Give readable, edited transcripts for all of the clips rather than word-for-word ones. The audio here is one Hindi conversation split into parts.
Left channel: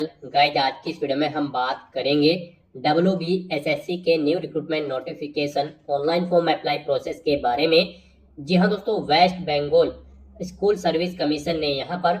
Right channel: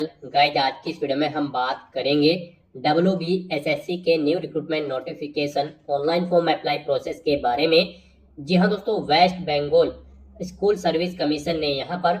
गाइस, आज की इस वीडियो में हम बात करेंगे WBSSC के new recruitment notification online form apply process के बारे में। जी हाँ दोस्तों, West Bengal school service commission ने यहाँ पर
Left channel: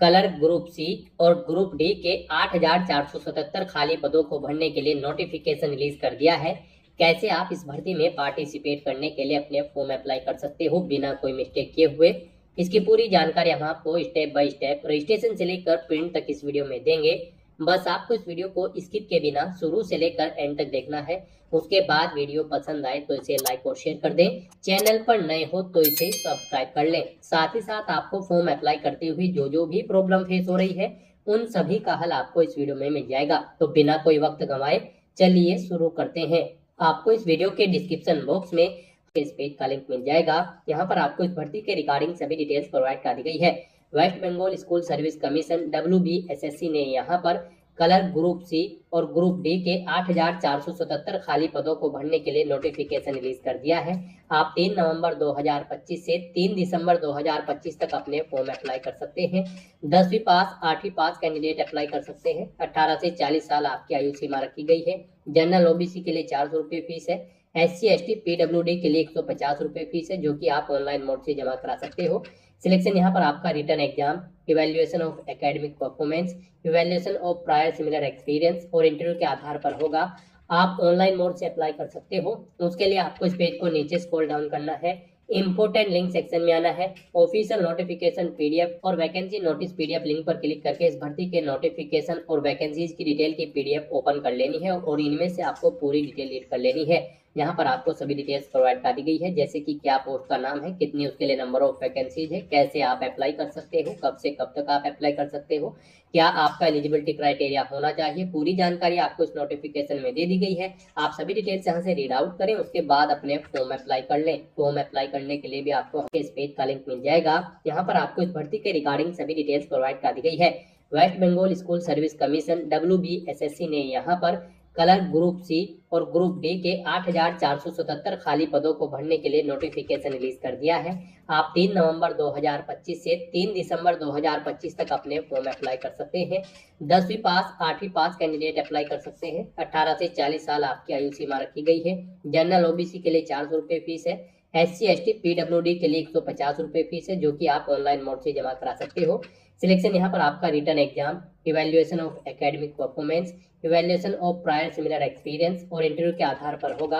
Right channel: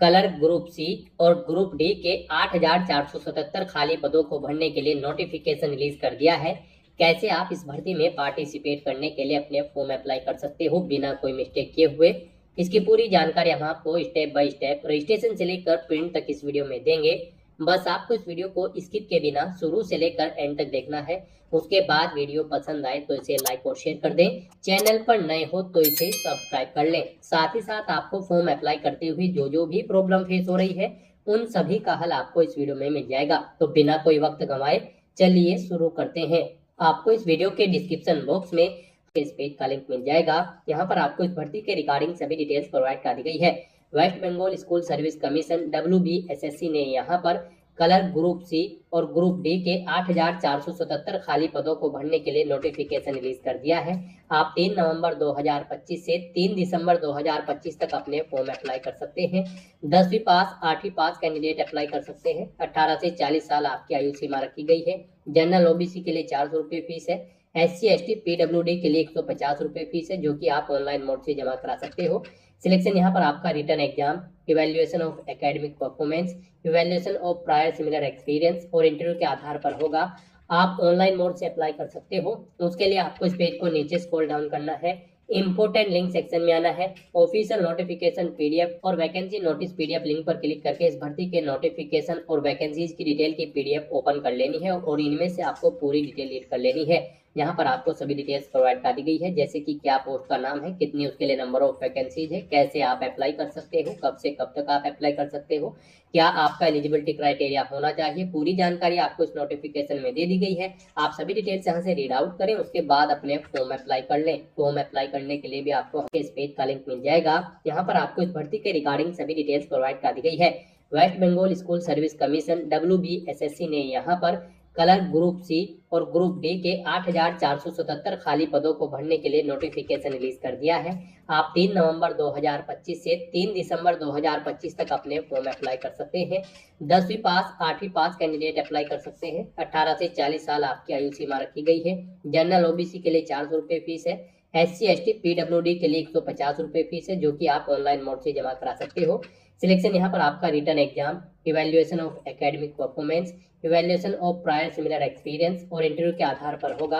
कलर ग्रुप सी और ग्रुप डी के 8,477 खाली पदों को भरने के लिए नोटिफिकेशन रिलीज कर दिया है। कैसे आप इस भर्ती में पार्टिसिपेट करने के लिए अपने फॉर्म अप्लाई कर सकते हो बिना कोई मिस्टेक किए हुए, इसकी पूरी जानकारी हम आपको स्टेप बाय स्टेप रजिस्ट्रेशन से लेकर प्रिंट तक इस वीडियो में देंगे। बस आपको इस वीडियो को स्किप के बिना शुरू से लेकर एंड तक देखना है। उसके बाद वीडियो पसंद आए तो इसे लाइक और शेयर कर दें। चैनल पर नए हो तो इसे सब्सक्राइब कर लें। साथ ही साथ आपको फॉर्म अप्लाई करते हुए जो भी प्रॉब्लम फेस हो रही है उन सभी का हल आपको इस वीडियो में मिल जाएगा। तो बिना कोई वक्त गंवाए चलिए शुरू करते हैं। आपको इस वीडियो के डिस्क्रिप्शन बॉक्स में इस पेज का लिंक मिल जाएगा। यहाँ पर आपको इस भर्ती के रिगार्डिंग सभी डिटेल्स प्रोवाइड कर दी गई है। West Bengal school service commission WBSSC ने यहाँ पर कलर ग्रुप सी और ग्रुप डी के 8,477 खाली पदों को भरने के लिए नोटिफिकेशन रिलीज कर दिया है। आप 3 नवंबर 2025 से 3 दिसंबर 2025 तक अपने फॉर्म अप्लाई कर सकते हैं। 10वीं पास 8वीं पास कैंडिडेट अप्लाई कर सकते हैं। 18 से 40 साल आपकी आयु सीमा रखी गई है। जनरल OBC के लिए 400 रुपये फीस है। SC ST PWD के लिए 150 रुपये फीस है, जो कि आप ऑनलाइन मोड से जमा करा सकते हो। सिलेक्शन यहाँ पर आपका return exam, evaluation of academic performance, evaluation of prior similar experience और इंटरव्यू के आधार पर होगा। आप ऑनलाइन मोड से अप्लाई कर सकते हो। उसके लिए आपको इस पेज को नीचे स्क्रॉल डाउन करना है। इंपोर्टेंट लिंक सेक्शन में आना है। ऑफिशियल नोटिफिकेशन PDF और वैकेंसी नोटिस PDF लिंक पर क्लिक करके इस भर्ती के नोटिफिकेशन और वैकेंसीज की डिटेल की PDF ओपन कर लेनी है और इनमें से आपको पूरी डिटेल रीड कर लेनी है। यहाँ पर आपको सभी डिटेल्स प्रोवाइड कर दी गई है, जैसे कि क्या पोस्ट का नाम है, कितनी उसके लिए नंबर ऑफ वैकेंसीज है, कैसे आप अप्लाई कर सकते हो, कब से कब तक आप अप्लाई कर सकते हो, क्या आपका एलिजिबिलिटी क्राइटेरिया होना चाहिए। पूरी जानकारी आपको इस नोटिफिकेशन में दे दी गई है। आप सभी डिटेल्स यहाँ से रीड आउट करें, उसके बाद अपने फॉर्म अप्लाई कर लें। फॉर्म अप्लाई करने के लिए भी आपको इस पेज का लिंक मिल जाएगा। यहाँ पर आपको इस भर्ती के रिगार्डिंग सभी डिटेल्स प्रोवाइड कर दी गई है। West Bengal school service commission WBSSC ने यहाँ पर कलर ग्रुप सी और ग्रुप डी के 8,477 खाली पदों को भरने के लिए नोटिफिकेशन रिलीज कर दिया है। आप 3 नवंबर 2025 से 3 दिसंबर 2025 तक अपने फॉर्म अप्लाई कर सकते हैं। 10वीं पास 8वीं पास कैंडिडेट अप्लाई कर सकते हैं। 18 से 40 साल आपकी आयु सीमा रखी गई है। जनरल OBC के लिए 400 रुपये फीस है। SC ST PWD के लिए 150 रुपये फीस है, जो कि आप ऑनलाइन मोड से जमा करा सकते हो। सिलेक्शन यहाँ पर आपका return exam, evaluation of academic performance, evaluation of prior similar experience और इंटरव्यू के आधार पर होगा।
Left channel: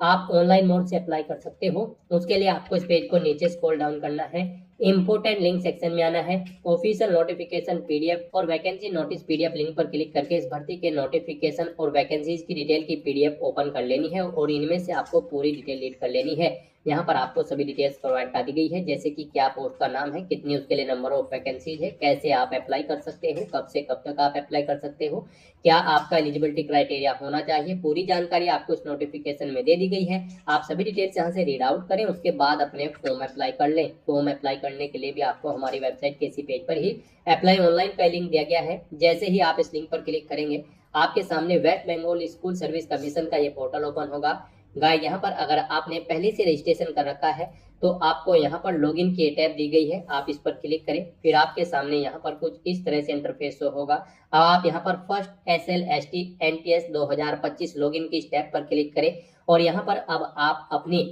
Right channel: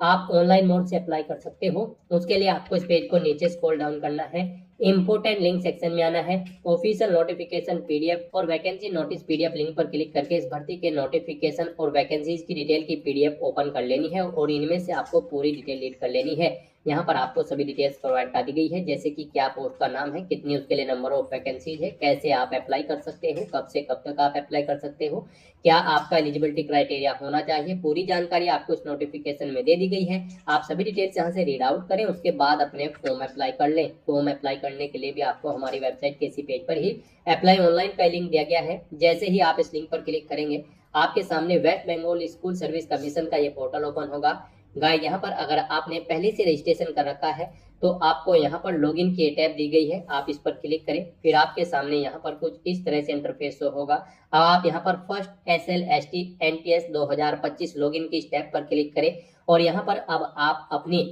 आप ऑनलाइन मोड से अप्लाई कर सकते हो। उसके लिए आपको इस पेज को नीचे स्क्रॉल डाउन करना है। इंपोर्टेंट लिंक सेक्शन में आना है। ऑफिशियल नोटिफिकेशन PDF और वैकेंसी नोटिस PDF लिंक पर क्लिक करके इस भर्ती के नोटिफिकेशन और वैकेंसीज की डिटेल की PDF ओपन कर लेनी है और इनमें से आपको पूरी डिटेल रीड कर लेनी है। यहाँ पर आपको सभी डिटेल्स प्रोवाइड कर दी गई है, जैसे कि क्या पोस्ट का नाम है, कितनी उसके लिए नंबर ऑफ वैकेंसीज है, कैसे आप अप्लाई कर सकते हो, कब से कब तक आप अप्लाई कर सकते हो, क्या आपका एलिजिबिलिटी क्राइटेरिया होना चाहिए। पूरी जानकारी आपको इस नोटिफिकेशन में दे दी गई है। आप सभी डिटेल्स यहाँ से रीड आउट करें, उसके बाद अपने फॉर्म अप्लाई कर लें। फॉर्म अप्लाई करने के लिए भी आपको हमारी वेबसाइट के इसी पेज पर ही अप्लाई ऑनलाइन का लिंक दिया गया है। जैसे ही आप इस लिंक पर क्लिक करेंगे, आपके सामने West Bengal school service commission का ये पोर्टल ओपन होगा। गाइस, यहाँ पर अगर आपने पहले से रजिस्ट्रेशन कर रखा है तो आपको यहाँ पर लॉगिन की टैब दी गई है। आप इस पर क्लिक करें, फिर आपके सामने यहाँ पर कुछ इस तरह से इंटरफेस शो होगा। अब आप यहाँ पर फर्स्ट SLST NTS 2025 लॉगिन की स्टेप पर क्लिक करें और यहाँ पर अब आप अपनी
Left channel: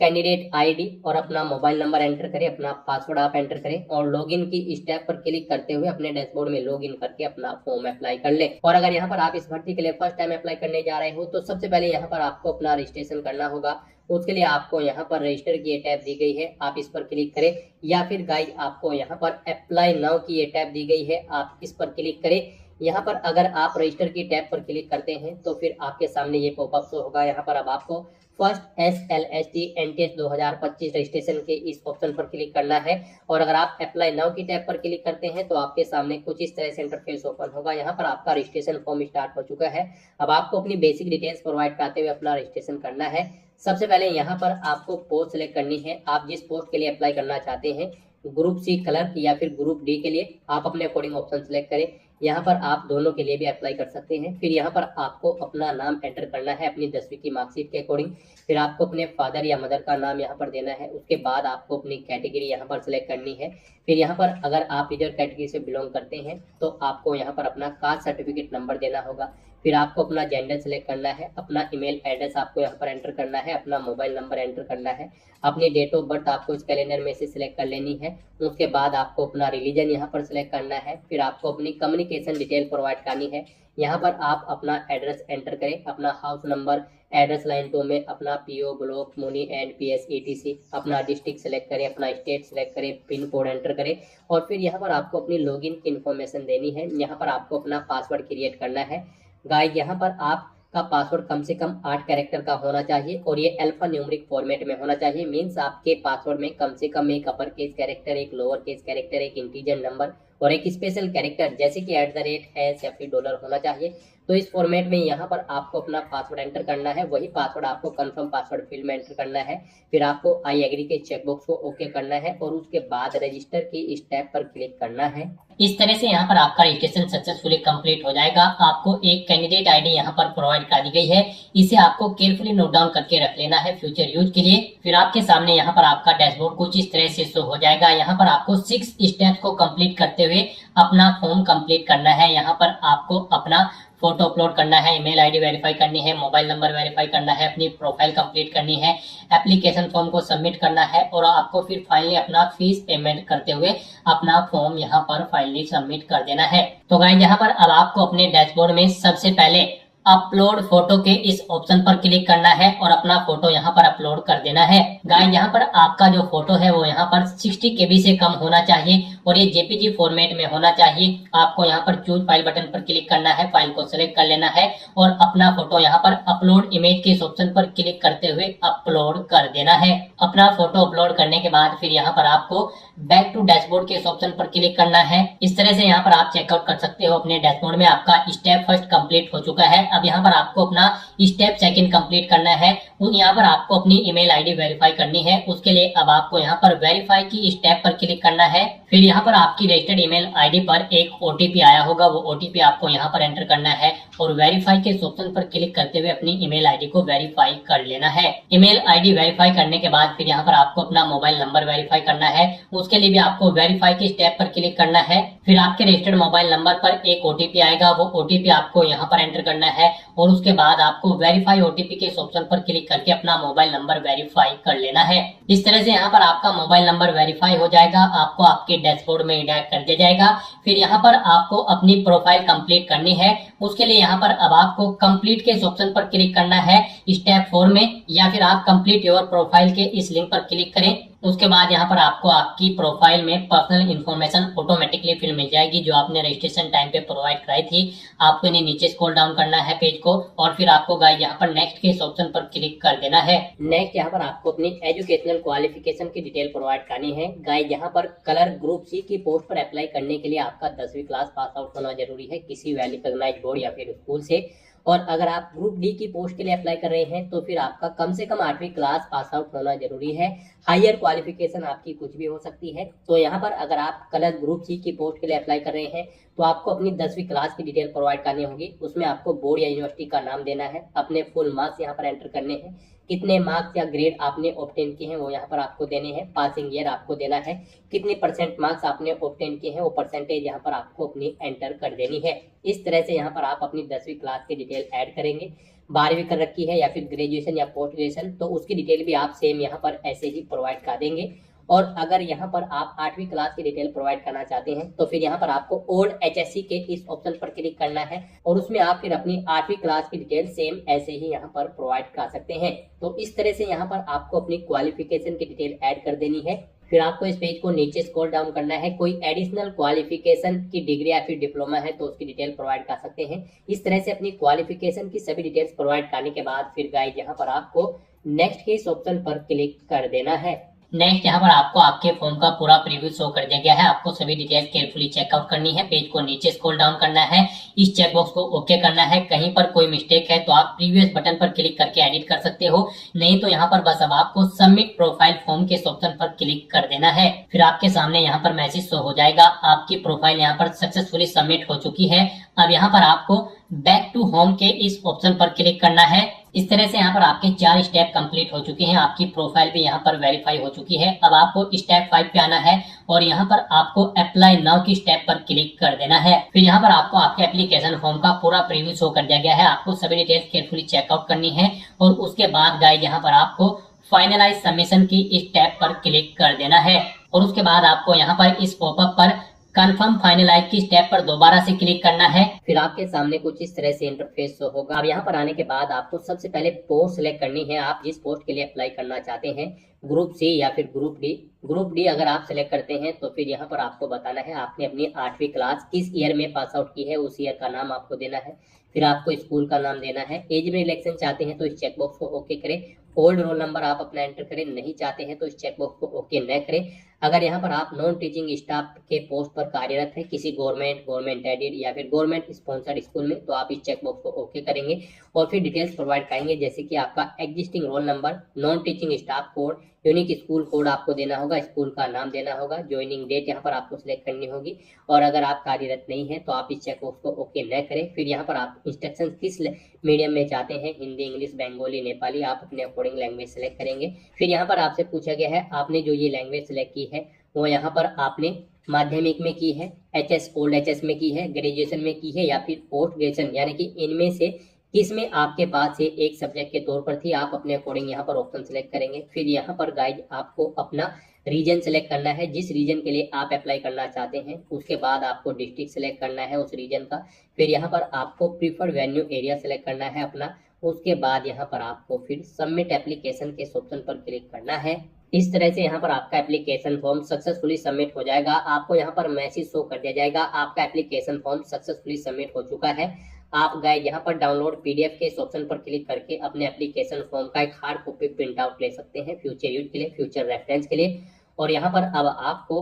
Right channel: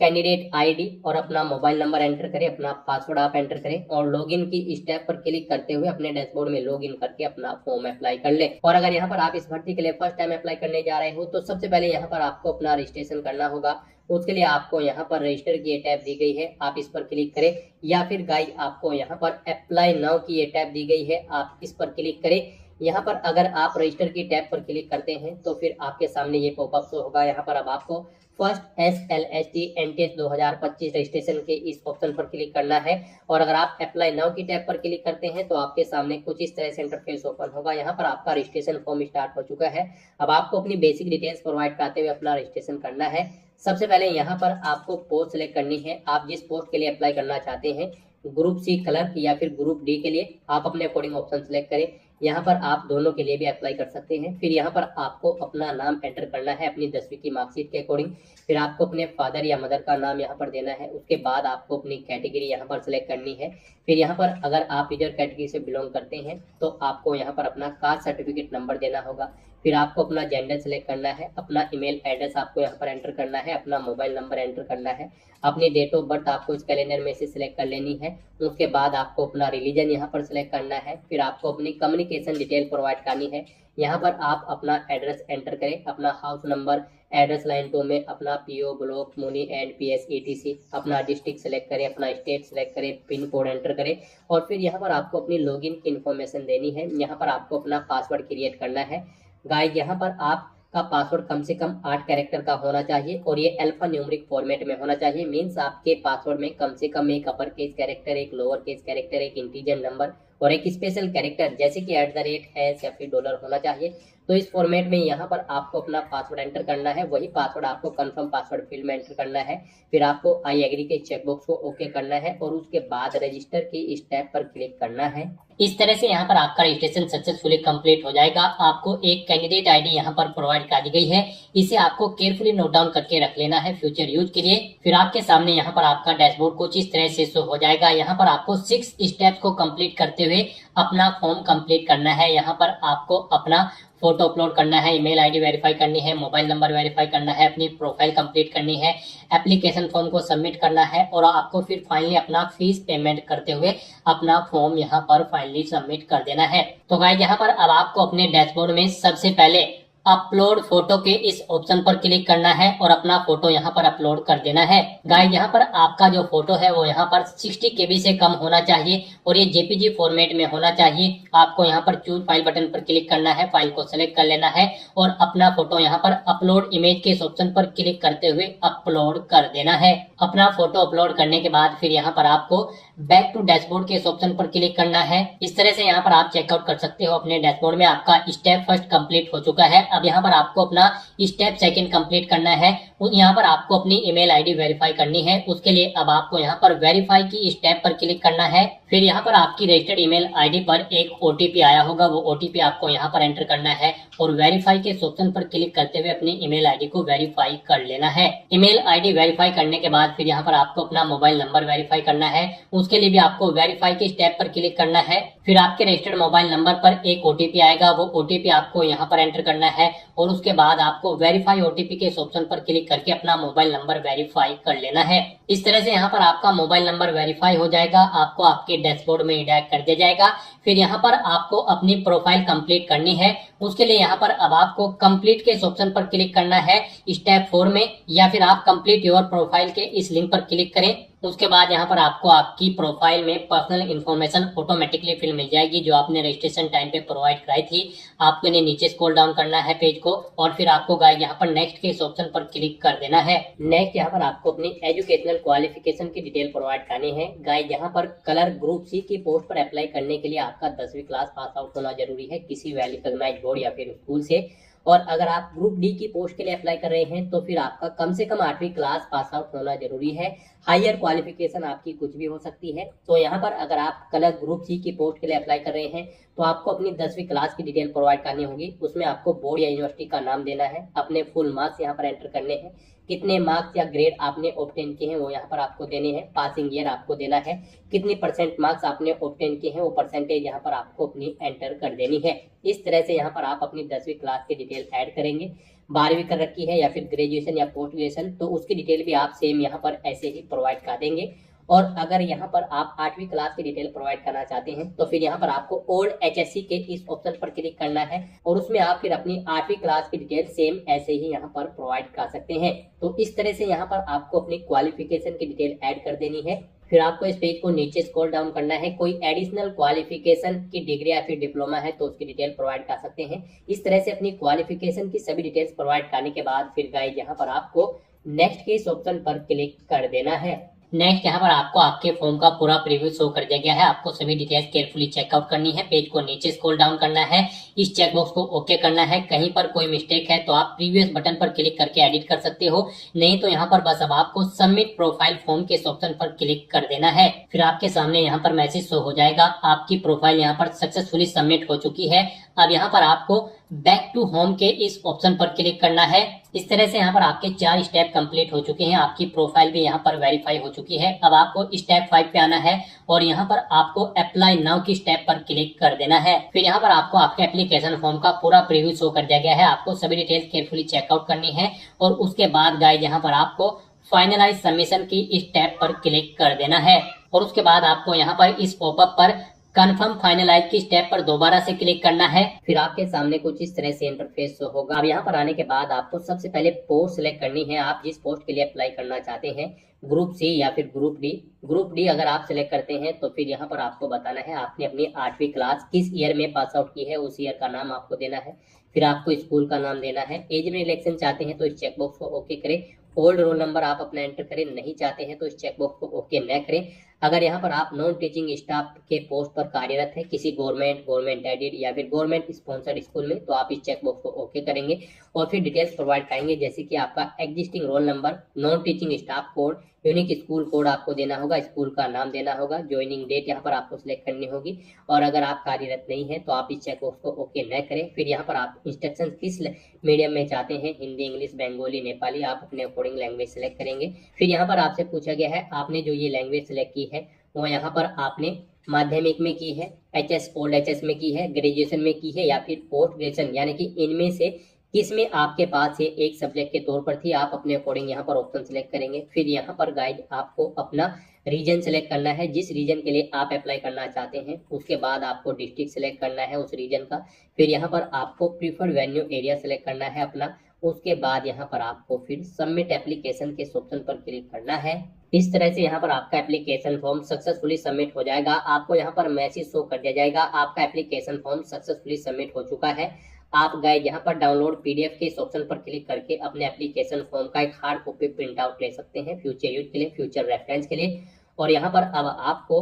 कैंडिडेट ID और अपना मोबाइल नंबर एंटर करें, अपना पासवर्ड आप एंटर करें और लॉगिन की स्टेप पर क्लिक करते हुए अपने डैशबोर्ड में लॉगिन करके अपना फॉर्म अप्लाई कर लें। और अगर यहाँ पर आप इस भर्ती के लिए फर्स्ट टाइम अप्लाई करने जा रहे हो तो सबसे पहले यहाँ पर आपको अपना रजिस्ट्रेशन करना होगा। उसके लिए आपको यहाँ पर रजिस्टर की ये टैब दी गई है, आप इस पर क्लिक करें, या फिर गाइस आपको यहाँ पर अप्लाई नाउ की ये टैब दी गई है, आप इस पर क्लिक करें। यहाँ पर अगर आप रजिस्टर की टैब पर क्लिक करते हैं तो फिर आपके सामने ये पॉपअप शो होगा। यहाँ पर अब आपको फर्स्ट SLST NTS 2025 रजिस्ट्रेशन के इस ऑप्शन पर क्लिक करना है और अगर आप अप्लाई नाउ की टैब पर क्लिक करते हैं तो आपके सामने कुछ इस तरह से इंटरफेस ओपन होगा। यहाँ पर आपका रजिस्ट्रेशन फॉर्म स्टार्ट हो चुका है। अब आपको अपनी बेसिक डिटेल्स प्रोवाइड करते हुए अपना रजिस्ट्रेशन करना है। सबसे पहले यहाँ पर आपको पोस्ट सेलेक्ट करनी है। आप जिस पोस्ट के लिए अप्लाई करना चाहते हैं, ग्रुप सी कलर या फिर ग्रुप डी के लिए, आप अपने अकॉर्डिंग ऑप्शन सेलेक्ट करें। यहाँ पर आप दोनों के लिए भी अप्लाई कर सकते हैं। फिर यहाँ पर आपको अपना नाम एंटर करना है अपनी 10वीं की मार्कशीट के अकॉर्डिंग। फिर आपको अपने फादर या मदर का नाम यहाँ पर देना है। उसके बाद आपको अपनी कैटेगरी यहाँ पर सिलेक्ट करनी है। फिर यहाँ पर अगर आप रिजर्व कैटेगरी से बिलोंग करते हैं तो आपको यहाँ पर अपना कास्ट सर्टिफिकेट नंबर देना होगा। फिर आपको अपना जेंडर सेलेक्ट करना है, अपना ईमेल एड्रेस आपको यहाँ पर एंटर करना है, अपना मोबाइल नंबर एंटर करना है, अपनी डेट ऑफ बर्थ आपको इस कैलेंडर में से सिलेक्ट कर लेनी है। उसके बाद आपको अपना रिलीजन यहाँ पर सिलेक्ट करना है। फिर आपको अपनी कम्युनिकेशन डिटेल प्रोवाइड करनी है। यहाँ पर आप अपना एड्रेस एंटर करें, अपना हाउस नंबर, एड्रेस लाइन 2 में अपना PO block Muni and PS etc, अपना डिस्ट्रिक्ट सेलेक्ट करें, अपना स्टेट सेलेक्ट करें, पिन कोड एंटर करें और फिर यहाँ पर आपको अपनी लॉगिन की इन्फॉर्मेशन देनी है। यहाँ पर आपको अपना पासवर्ड क्रिएट करना है। गाइस यहाँ पर आपका पासवर्ड कम से कम 8 कैरेक्टर का होना चाहिए और ये अल्फा न्यूमेरिक फॉर्मेट में होना चाहिए। मीन्स आपके पासवर्ड में कम से कम एक अपर केस कैरेक्टर, एक लोअर केस कैरेक्टर, एक इंटीजर नंबर और एक स्पेशल कैरेक्टर जैसे कि @ या फिर डॉलर होना चाहिए। तो इस फॉर्मेट में यहाँ पर आपको अपना पासवर्ड एंटर करना है। वही पासवर्ड आपको कंफर्म पासवर्ड फील्ड में एंटर करना है। फिर आपको आई एग्री के चेकबॉक्स को ओके करना है और उसके बाद रजिस्टर की स्टेप पर क्लिक करना है। इस तरह से यहाँ पर आपका रजिस्ट्रेशन सक्सेसफुली कंप्लीट हो जाएगा। आपको एक कैंडिडेट आईडी यहाँ पर प्रोवाइड कर दी गई है, इसे आपको केयरफुली नोट डाउन करके रख लेना है फ्यूचर यूज के लिए। फिर आपके सामने यहाँ पर आपका डैशबोर्ड कुछ इस तरह से शो हो जाएगा। यहाँ पर आपको 6 स्टेप्स को कंप्लीट करते हुए अपना फॉर्म कंप्लीट करना है। यहाँ पर आपको अपना फोटो अपलोड करना है, ईमेल आईडी वेरीफाई करनी है, मोबाइल नंबर वेरीफाई करना है, अपनी प्रोफाइल कंप्लीट करनी है, एप्लीकेशन फॉर्म को सबमिट करना है और आपको फिर फाइनली अपना फीस पेमेंट करते हुए अपना फॉर्म यहाँ पर फाइनली सबमिट कर देना है। तो गाइस यहाँ पर अब आपको अपने डैशबोर्ड में सबसे पहले अपलोड फोटो के इस ऑप्शन पर क्लिक करना है और अपना फोटो यहाँ पर अपलोड कर देना है। गाइस यहाँ पर आपका जो फोटो है वो यहाँ पर 60 KB से कम होना चाहिए और ये जेपीजी फॉर्मेट में होना चाहिए। आपको यहाँ पर चूज फाइल बटन पर क्लिक करना है, फाइल को सिलेक्ट कर लेना है और अपना फोटो यहाँ पर अपलोड इमेज के इस ऑप्शन पर क्लिक करते हुए अपलोड कर देना है। अपना फोटो अपलोड करने के बाद फिर यहाँ पर आपको बैक टू डैशबोर्ड के इस ऑप्शन पर क्लिक करना है। इस तरह से यहाँ पर आप चेकआउट कर सकते हो अपने डैशबोर्ड में आपका स्टेप फर्स्ट कंप्लीट हो चुका है। अब यहाँ पर आपको अपना स्टेप सेकंड कंप्लीट करना है। यहाँ पर आपको अपनी ईमेल आईडी वेरीफाई करनी है। उसके लिए अब आपको यहाँ पर वेरीफाई की स्टेप पर क्लिक करना है। फिर यहाँ पर आपकी रजिस्टर्ड ईमेल आईडी पर एक ओटीपी आया होगा, वो ओटीपी आपको यहाँ पर एंटर करना है और वेरीफाई के ऑप्शन पर क्लिक करते हुए अपनी ईमेल आईडी को वेरीफाई कर लेना है। ईमेल आईडी वेरीफाई करने के बाद फिर यहाँ पर आपको अपना मोबाइल नंबर वेरीफाई करना है। उसके लिए भी आपको वेरीफाई के स्टेप पर क्लिक करना है। फिर आपके रजिस्टर्ड मोबाइल नंबर पर एक ओटीपी आएगा, वो ओटीपी आपको यहाँ पर एंटर करना है और उसके बाद आपको वेरीफाई ओटीपी के इस ऑप्शन पर क्लिक करके अपना मोबाइल नंबर वेरीफाई कर लेना है। इस तरह से यहाँ पर आपका मोबाइल नंबर वेरीफाई हो जाएगा, आपको आपके डैशबोर्ड में रिडायरेक्ट कर दिया जाएगा। फिर यहाँ पर आपको अपनी प्रोफाइल कंप्लीट करनी है। उसके लिए यहाँ पर अब आपको कंप्लीट के इस ऑप्शन पर क्लिक करना है स्टेप 4 में, या फिर आप कंप्लीट योर प्रोफाइल के इस लिंक पर क्लिक करें। उसके बाद यहाँ पर आपको आपकी प्रोफाइल में पर्सनल इन्फॉर्मेशन ऑटोमेटिकली फिल मिल जाएगी जो आपने रजिस्ट्रेशन टाइम पे प्रोवाइड कराई थी। आपको इन्हें नीचे स्क्रॉल डाउन करना है पेज को और फिर आपको गाइस यहाँ पर नेक्स्ट के इस ऑप्शन पर क्लिक कर देना है। नेक्स्ट यहाँ पर आपको अपनी एजुकेशनल क्वालिफिकेशन की डिटेल प्रोवाइड करनी है। गाइस यहाँ पर कलर ग्रुप सी की पोस्ट पर अप्लाई करने के लिए आपका 10वीं क्लास पास आउट होना जरूरी है किसी वेल रिकॉग्नाइज्ड बोर्ड या फिर स्कूल से। और अगर आप ग्रुप डी की पोस्ट के लिए अप्लाई कर रहे हैं तो फिर आपका कम से कम 8वीं क्लास पास आउट होना जरूरी है। हायर क्वालिफिकेशन आपकी कुछ भी हो सकती है। तो यहाँ पर अगर आप कलर ग्रुप सी की पोस्ट के लिए अप्लाई कर रहे हैं तो आपको अपनी 10वीं क्लास की डिटेल प्रोवाइड करनी होगी। उसमें आपको बोर्ड या यूनिवर्सिटी का नाम देना है, अपने फुल मार्क्स यहाँ पर एंटर करने हैं, कितने मार्क्स या ग्रेड आपने ऑब्टेन किए हैं वो यहाँ पर आपको देने हैं, पासिंग ईयर आपको देना है, कितनी % मार्क्स आपने ऑब्टेन किए हैं वो परसेंटेज यहाँ पर आपको अपनी एंटर कर देनी है। इस तरह से यहाँ पर आप अपनी 10वीं क्लास की डिटेल ऐड करेंगे। 12वीं कर रखी है या फिर ग्रेजुएशन या पोस्ट ग्रेजुएशन तो उसकी डिटेल भी आप सेम यहाँ पर ऐसे ही प्रोवाइड कर देंगे। और अगर यहाँ पर आप 8वीं क्लास की डिटेल प्रोवाइड करना चाहते हैं तो फिर यहाँ पर आपको ओल्ड HSC के इस ऑप्शन पर क्लिक करना है और उसमें आप फिर अपनी 8वीं क्लास की डिटेल सेम ऐसे ही यहाँ पर प्रोवाइड कर सकते हैं। तो इस तरह से यहाँ पर आपको अपनी क्वालिफिकेशन की डिटेल ऐड कर देनी है। फिर आपको इस पेज को नीचे स्क्रॉल डाउन करना है। कोई एडिशनल क्वालिफिकेशन की डिग्री या फिर डिप्लोमा है तो उसकी डिटेल प्रोवाइड कर सकते हैं। इस तरह से अपनी क्वालिफिकेशन की सभी डिटेल्स प्रोवाइड करने के बाद फिर गाइस यहाँ पर आपको नेक्स्ट के इस ऑप्शन पर क्लिक कर देना है। नेक्स्ट यहाँ पर आपको आपके फॉर्म का पूरा प्रीव्यू शो कर दिया गया है। आपको सभी डिटेल्स केयरफुली चेकआउट करनी है। पेज को नीचे स्क्रॉल डाउन करना है, इस चेकबॉक्स को ओके करना है। कहीं पर कोई मिस्टेक है तो आप प्रीवियस बटन पर क्लिक करके एडिट कर सकते हो, नहीं तो यहाँ पर बस अब आपको सबमिट प्रोफाइल फॉर्म के ऑप्शन पर क्लिक कर देना है। फिर आपके सामने यहाँ पर मैसेज शो हो जाएगा, आपकी प्रोफाइल यहाँ पर सक्सेसफुली सबमिट हो चुकी है। अब यहाँ पर आपको बैक टू होम के इस ऑप्शन पर क्लिक करना है। इस तरह से यहाँ पर आपके 4 स्टेप कंप्लीट हो चुके हैं, आपकी प्रोफाइल भी यहाँ पर वेरीफाई हो चुकी है। अब आपको स्टेप 5 पे आना है और यहाँ पर आपको अप्लाई नाउ की स्टेप पर क्लिक कर देना है। फिर यहाँ पर आपको आपके एप्लीकेशन फॉर्म का पूरा प्रीव्यू शो कर दिया गया है। आपको सभी डिटेल्स केयरफुली चेकआउट करनी है और उसके बाद गाइस यहाँ पर आपको फाइनलाइज सबमिशन की स्टेप पर क्लिक कर देना है और उसके बाद आपको यहाँ पर इस पॉपअप पर कंफर्म फाइनलाइज की स्टेप पर दोबारा से क्लिक करना है। फिर आपके सामने कुछ इस तरह से इंटरफेस होगा। अब यहाँ पर आने के बाद आपको सबसे पहले पोस्ट सिलेक्ट करनी है, आप जिस पोस्ट के लिए अप्लाई करना चाहते हैं, ग्रुप सी या फिर ग्रुप डी। ग्रुप डी अगर आप सिलेक्ट करते हैं तो फिर यहाँ पर आपको बताना है आपने अपनी 8वीं क्लास किस ईयर में पास आउट की है, उस ईयर का नाम आपको देना है। फिर आपको स्कूल का नाम देना है। एज में इलेक्शन चाहते हैं तो इस चेकबॉक्स को ओके करें। ओल्ड रोल नंबर आप अपना एंटर करें, नहीं चाहते हैं तो इस चेकबॉक्स को ओके न करें। अगर यहाँ पर आप नॉन टीचिंग स्टाफ के पोस्ट पर कार्यरत है किसी गवर्नमेंट एडेड या फिर गवर्नमेंट स्पॉन्सर्ड स्कूल में, तो आप इस चेकबॉक्स को ओके करेंगे और फिर डिटेल्स प्रोवाइड करेंगे, जैसे कि आपका existing roll number, non teaching staff code, unique school code आपको देना होगा, स्कूल का नाम देना होगा, ज्वाइनिंग डेट यहाँ पर आपको सिलेक्ट करनी होगी। और अगर आप कार्यरत नहीं है तो आप इस चेकबॉक्स को ओके न करें। फिर यहाँ पर आप इंस्ट्रक्शन किस मीडियम में चाहते हैं, हिंदी, इंग्लिश, बंगाली, नेपाली, आप अपने अकॉर्डिंग लैंग्वेज सेलेक्ट करेंगे। फिर यहाँ पर आपसे पूछा गया है आपने जो ये लैंग्वेज सेलेक्ट की है वो यहाँ पर आपने माध्यमिक में की है, एचएस ओल्ड एचएस में की है, ग्रेजुएशन में की है या फिर पोस्ट ग्रेजुएशन, यानी कि इनमें से किसमें आपके पास ये एक सब्जेक्ट के तौर पर थी, आप अपने अकॉर्डिंग यहाँ पर ऑप्शन सेलेक्ट करेंगे। फिर यहाँ पर गाइड आपको अपना रीजन सेलेक्ट करना है, जिस रीजन के लिए आप अप्लाई करना चाहते हैं। उसके बाद आपको डिस्ट्रिक्ट सेलेक्ट करना है उस रीजन का। फिर यहाँ पर आपको प्रीफर्ड वेन्यू एरिया सेलेक्ट करना है अपना। उसके बाद यहाँ पर आपको फिर सबमिट एप्लीकेशन के ऑप्शन पर क्लिक करना है। इस तरह से यहाँ पर आपका एप्लीकेशन फॉर्म सक्सेसफुली सबमिट हो जाएगा। आपको यहाँ पर मैसेज शो कर दिया जाएगा आपका एप्लीकेशन फॉर्म सक्सेसफुली सबमिट हो चुका है। आप गाइड यहाँ पर डाउनलोड पीडीएफ के इस ऑप्शन पर क्लिक करके अपने एप्लीकेशन फॉर्म का एक हार्ड कॉपी प्रिंट आउट ले सकते हैं फ्यूचर यूज के लिए, फ्यूचर रेफरेंस के लिए। और यहाँ पर अब आपको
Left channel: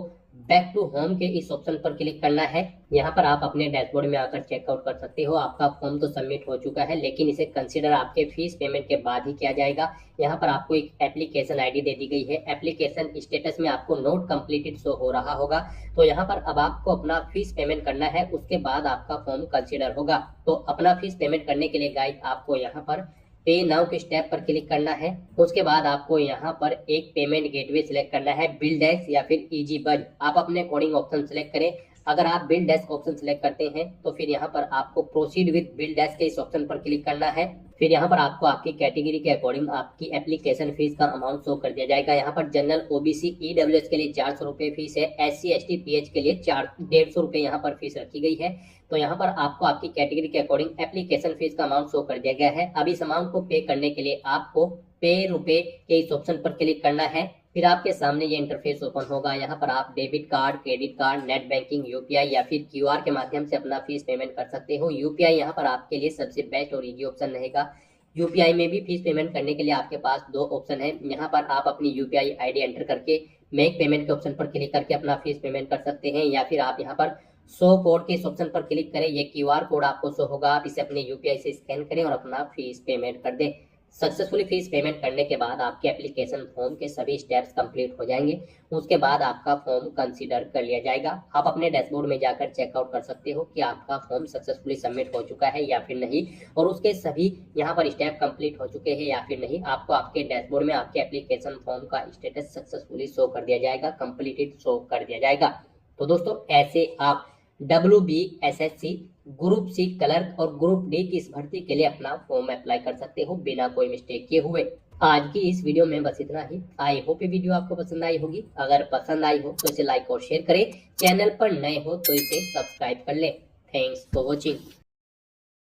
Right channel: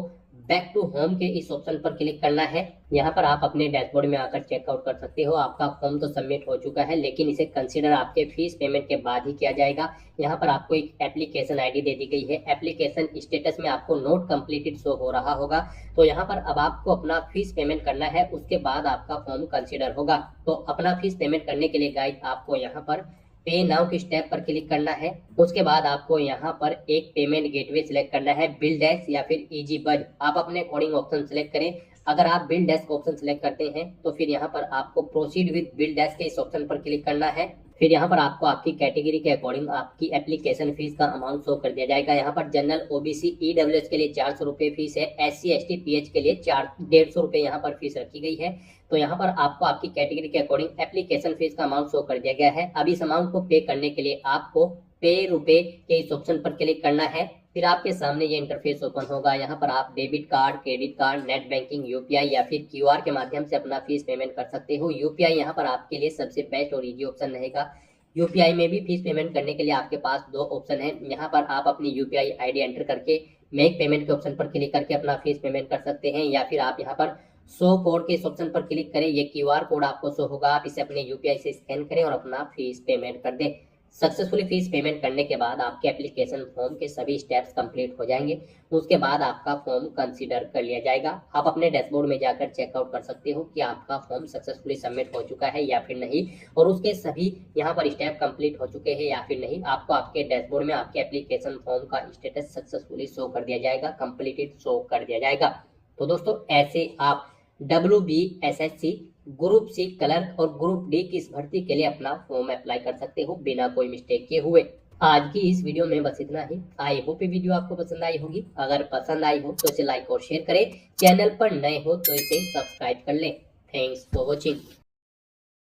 बैक टू होम के इस ऑप्शन पर क्लिक करना है। यहाँ पर आप अपने डैशबोर्ड में आकर चेकआउट कर सकते हो। आपका फॉर्म तो सबमिट हो चुका है, लेकिन इसे कंसीडर आपके फीस पेमेंट के बाद ही किया जाएगा। यहाँ पर आपको एक एप्लीकेशन आईडी दे दी गई है। एप्लीकेशन स्टेटस में आपको नोट कंप्लीटेड शो हो रहा होगा। तो यहाँ पर अब आपको अपना फीस पेमेंट करना है, उसके बाद आपका फॉर्म कंसीडर होगा। तो अपना फीस पेमेंट करने के लिए गाइड आपको यहाँ पर पे नाउ के स्टेप पर क्लिक करना है। उसके बाद आपको यहाँ पर एक पेमेंट गेटवे सिलेक्ट करना है, बिलडेस्क या फिर इजी बज, आप अपने अकॉर्डिंग ऑप्शन सिलेक्ट करें। अगर आप बिलडेस्क ऑप्शन सिलेक्ट करते हैं तो फिर यहाँ पर आपको प्रोसीड विद बिलडेस्क के इस ऑप्शन पर क्लिक करना है। फिर यहाँ पर आपको आपकी कैटेगरी के अकॉर्डिंग आपकी एप्लीकेशन फीस का अमाउंट शो कर दिया जाएगा। यहाँ पर जनरल, ओबीसी, ईडब्ल्यूएस के लिए 400 रुपये फीस है, SC ST PH के लिए 150 रुपये यहाँ पर फीस रखी गई है। तो यहाँ पर आपको आपकी कैटेगरी के अकॉर्डिंग एप्लीकेशन फीस का अमाउंट शो कर दिया गया है। अब इस अमाउंट को पे करने के लिए आपको पे रुपए के इस ऑप्शन पर क्लिक करना है। फिर आपके सामने ये इंटरफेस ओपन होगा। यहाँ पर आप debit card, credit card, net banking, UPI या फिर क्यूआर के माध्यम से अपना फीस पेमेंट कर सकते हो। यूपीआई यहाँ पर आपके लिए सबसे बेस्ट और इजी ऑप्शन रहेगा। यूपीआई में भी फीस पेमेंट करने के लिए आपके पास 2 ऑप्शन है। यहाँ पर आप अपनी यूपीआई आईडी एंटर करके मेक पेमेंट के ऑप्शन पर क्लिक करके अपना फीस पेमेंट कर सकते हैं, या फिर आप यहाँ पर शो कोड के इस ऑप्शन पर क्लिक करें। ये क्यूआर कोड आपको शो होगा, आप इसे अपने यूपीआई से स्कैन करें और अपना फीस पेमेंट कर दें। सक्सेसफुली फीस पेमेंट करने के बाद आपके एप्लीकेशन फॉर्म के सभी स्टेप्स कंप्लीट हो जाएंगे। उसके बाद आपका फॉर्म कंसीडर कर लिया जाएगा। आप अपने डैशबोर्ड में जाकर चेकआउट कर सकते हो कि आपका फॉर्म सक्सेसफुली सबमिट हो चुका है या फिर नहीं, और उसके सभी यहाँ पर स्टेप कंप्लीट हो चुके हैं या फिर नहीं। आपको आपके डैशबोर्ड में आपके एप्लीकेशन फॉर्म का स्टेटस सक्सेसफुली शो कर दिया जाएगा, कंप्लीटेड शो कर दिया जाएगा। तो दोस्तों ऐसे आप WBSSC ग्रुप सी क्लर्क और ग्रुप डी की इस भर्ती के लिए अपना फॉर्म अप्लाई कर सकते हो बिना कोई मिस्टेक किए हुए। आज की इस वीडियो में बस इतना ही। आई होप ये वीडियो आपको पसंद आई होगी। अगर पसंद आई हो तो इसे लाइक और शेयर करें। चैनल पर नए हो तो इसे सब्सक्राइब कर लें। Thanks for watching.